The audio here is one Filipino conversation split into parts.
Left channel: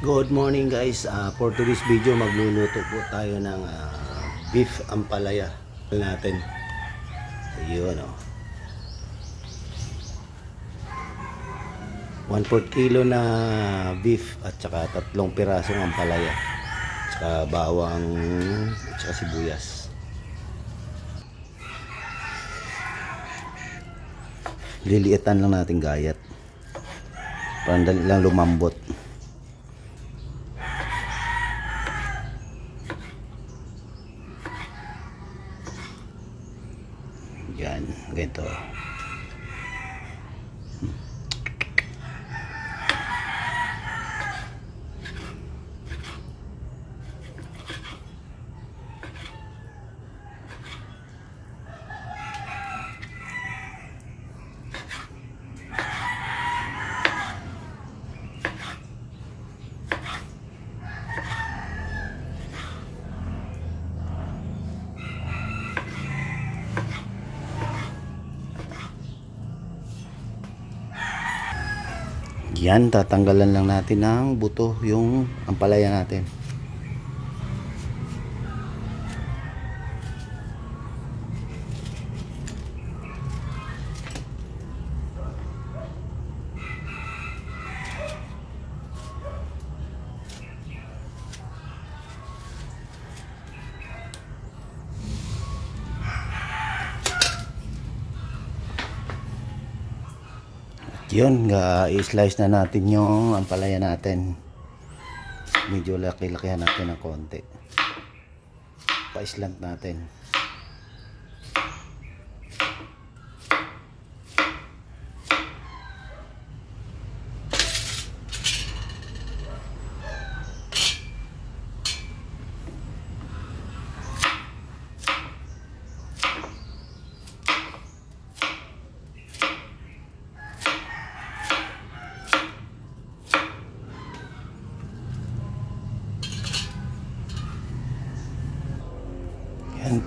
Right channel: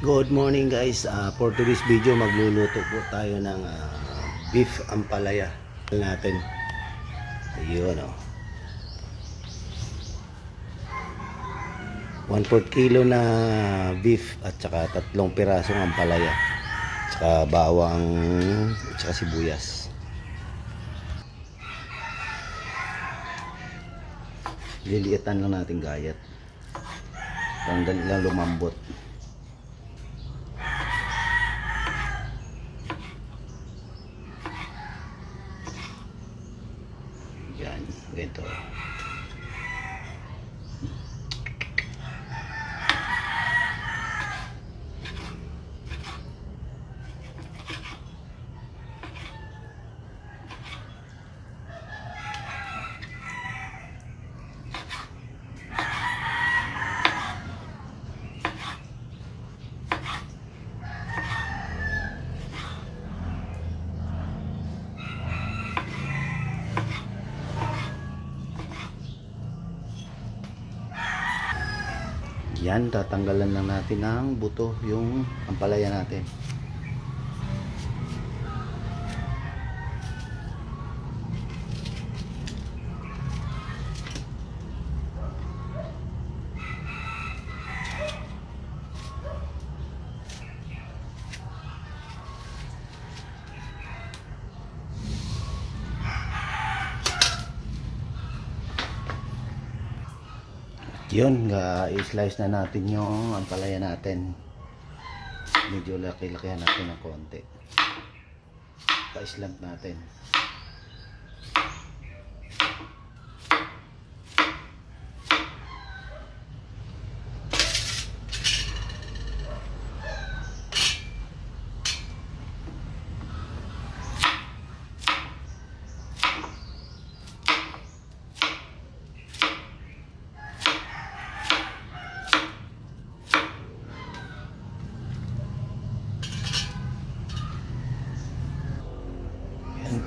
Good morning guys, for today's video magluluto po tayo ng beef ampalaya natin. Ayun o, 1/4 kilo na beef at saka 3 pirasong ampalaya, saka bawang at saka sibuyas. Liliitan lang natin gayat para dali lang lumambot. Yan, ganito. Yan, tatanggalan lang natin ng buto yung ampalaya natin. Yun, i-slice na natin yung ampalaya natin. Medyo laki-lakihan natin ng konti. Pa-slant natin.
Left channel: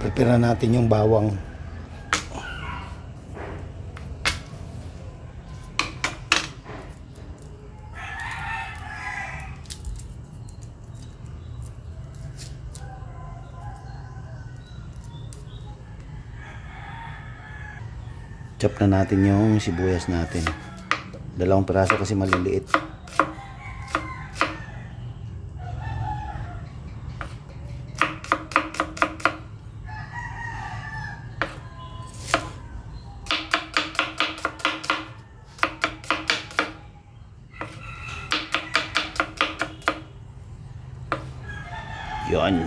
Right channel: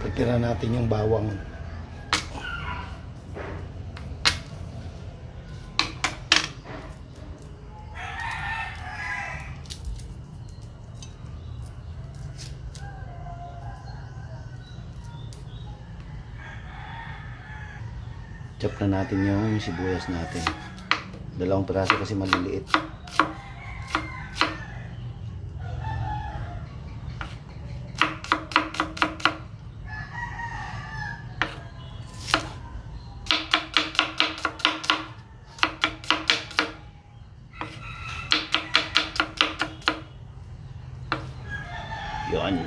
Prepare natin yung bawang. Chop na natin yung sibuyas natin. 2 piraso kasi maliliit. Yun.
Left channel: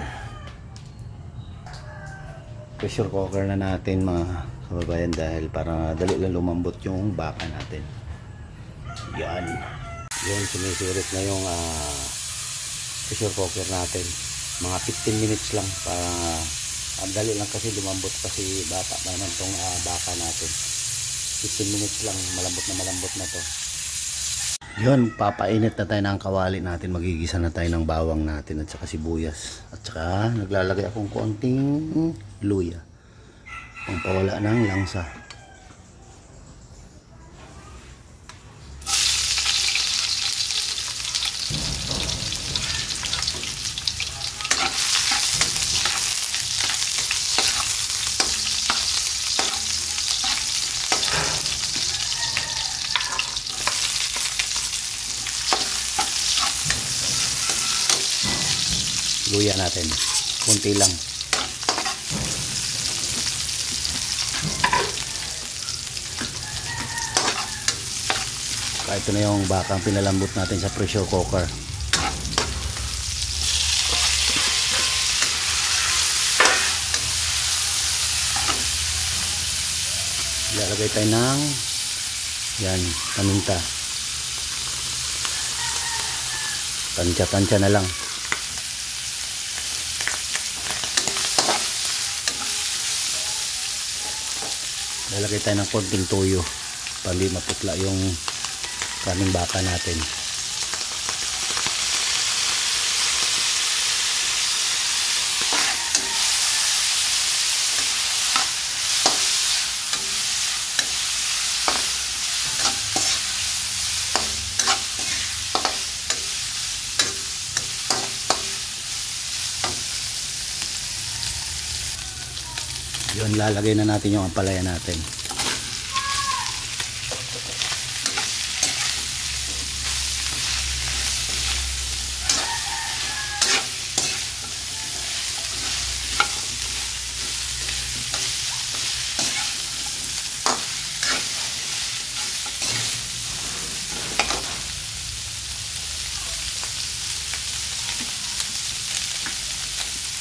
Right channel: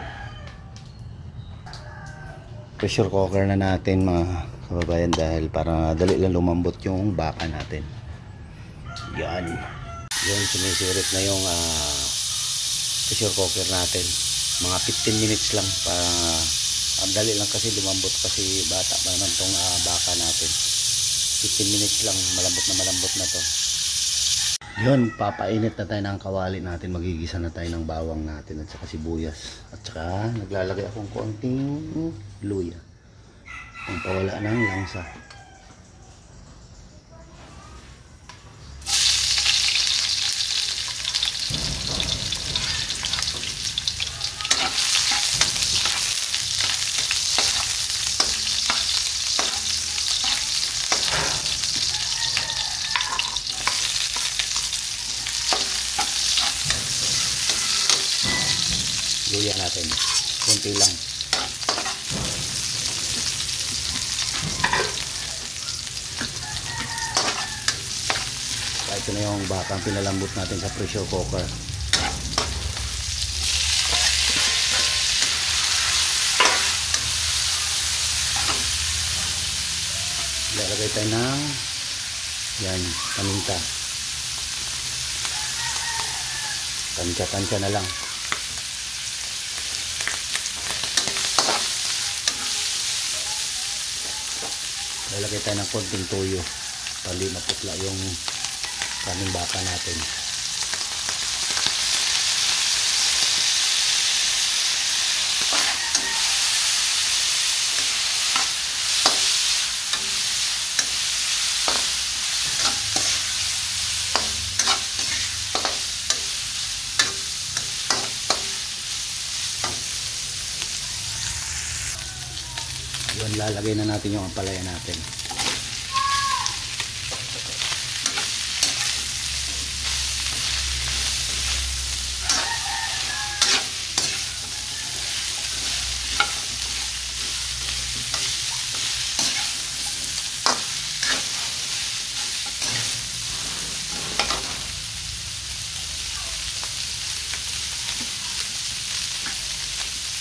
Pressure cooker na natin mga kababayan dahil para dali lang lumambot yung baka natin. Yan. Yun, sumisirit na yung pressure cooker natin. Mga 15 minutes lang para dali lang kasi lumambot kasi bata pa naman tong baka natin. 15 minutes lang, malambot na to. Yun, papainit na tayo ng kawali natin. Magigisa na tayo ng bawang natin at saka sibuyas. At saka naglalagay akong konting luya pang pawala ng langsa. Luya natin kunti lang. Ito na yung bakang pinalambot natin sa pressure cooker. Lalagay tayo ng yan, paminta. Pansya-pansya na lang. Lalagay tayo ng konting toyo para hindi maputla yung kaming baka natin. Yun, lalagay na natin yung ampalaya natin.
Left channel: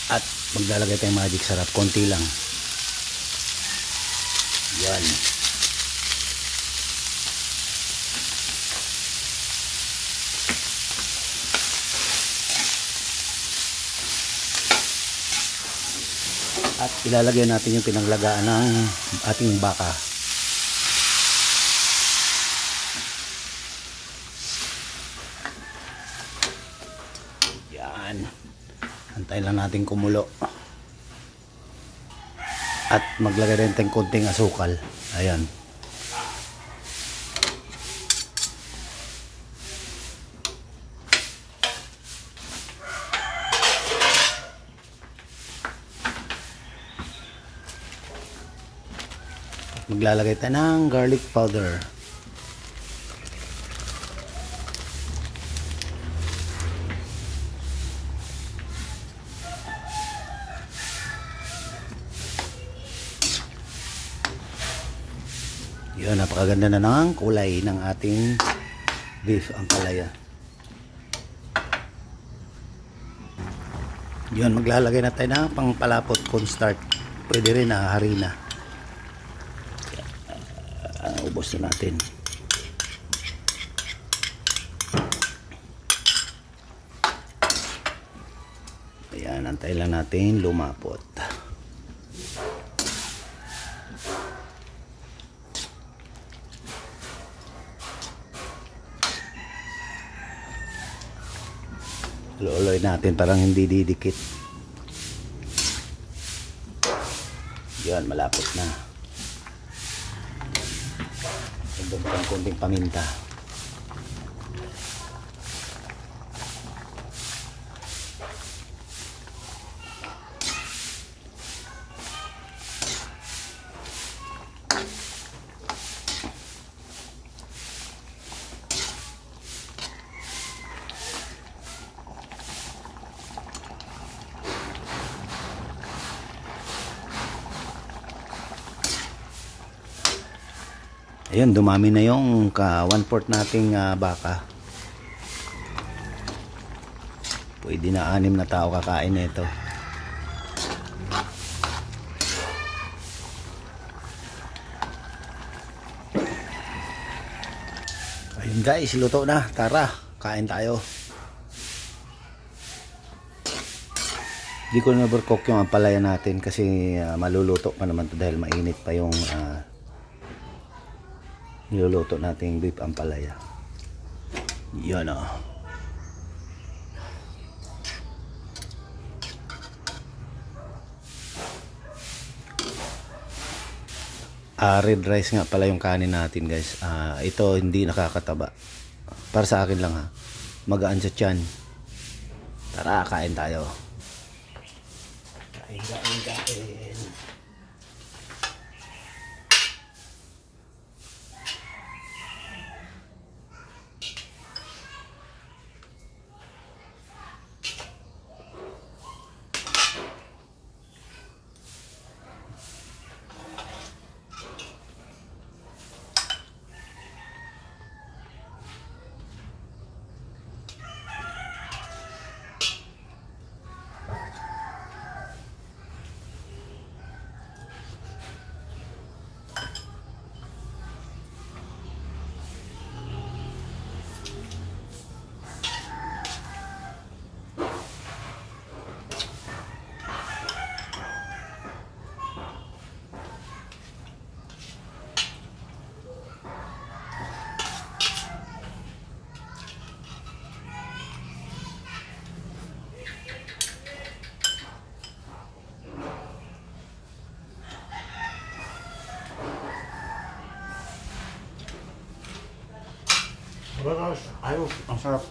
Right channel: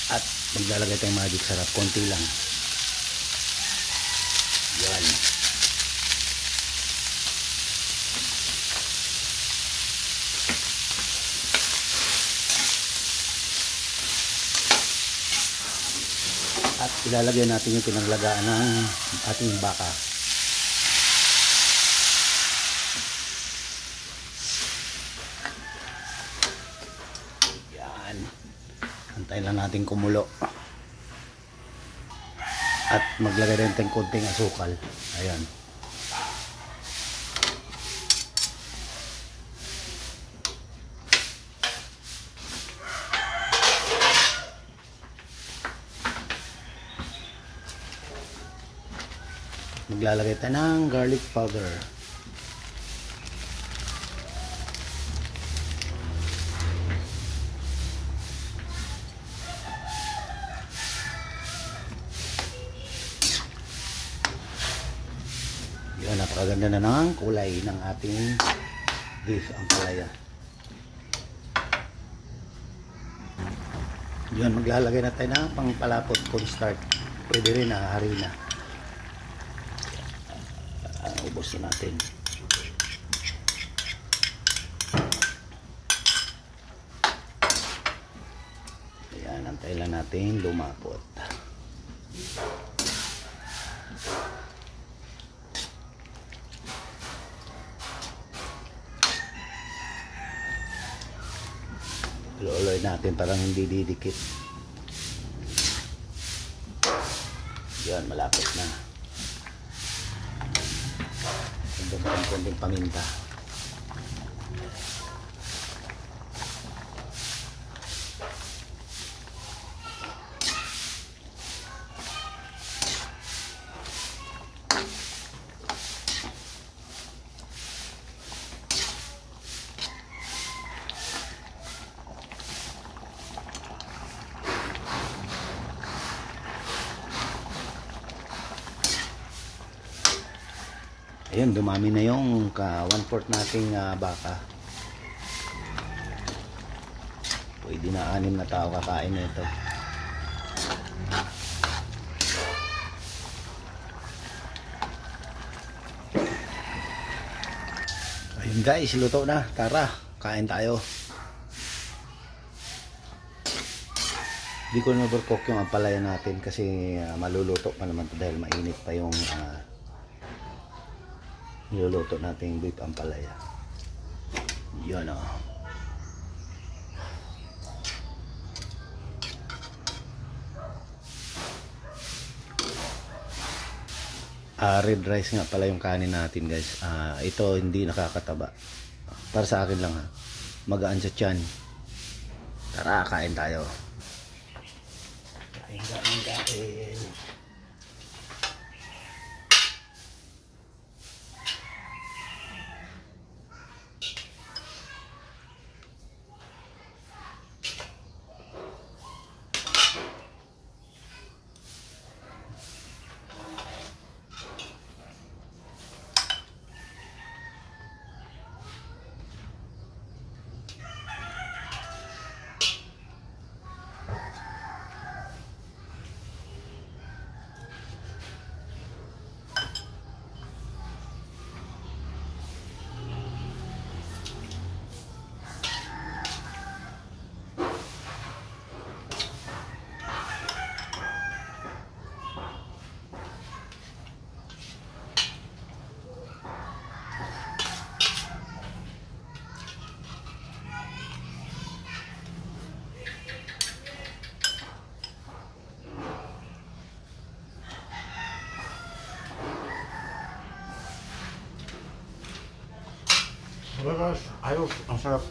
At maglalagay tayong magic sarap, konti lang. Yan. At ilalagay natin yung pinanglagaan ng ating baka. Yan. Antayin lang natin kumulo. At maglagay rin tayong konting asukal. Ayan. Maglalagay tayo ng garlic powder. Yun, napakaganda na ng kulay ng ating beef ampalaya. Yun, maglalagay na tayo ng pangpalapot cornstarch. Pwede rin na harina. Ubos na natin. Ayan, antayin lang natin lumapot. Luloy natin parang hindi didikit. Yan, malapot na. Konting paminta. Ayan, dumami na yung 1/4 nating baka. Pwede na 6 na tao kakain nito. Ayun guys, luto na. Tara, kain tayo. Di ko na overcook yung ampalaya natin kasi maluluto pa naman to dahil mainit pa yung niluluto natin beef ampalaya. Yan o. Red rice nga pala yung kanin natin guys. Ito hindi nakakataba. Para sa akin lang ha. Magaan sa tiyan. Tara, kain tayo. Kain. Ayos, ang sarap.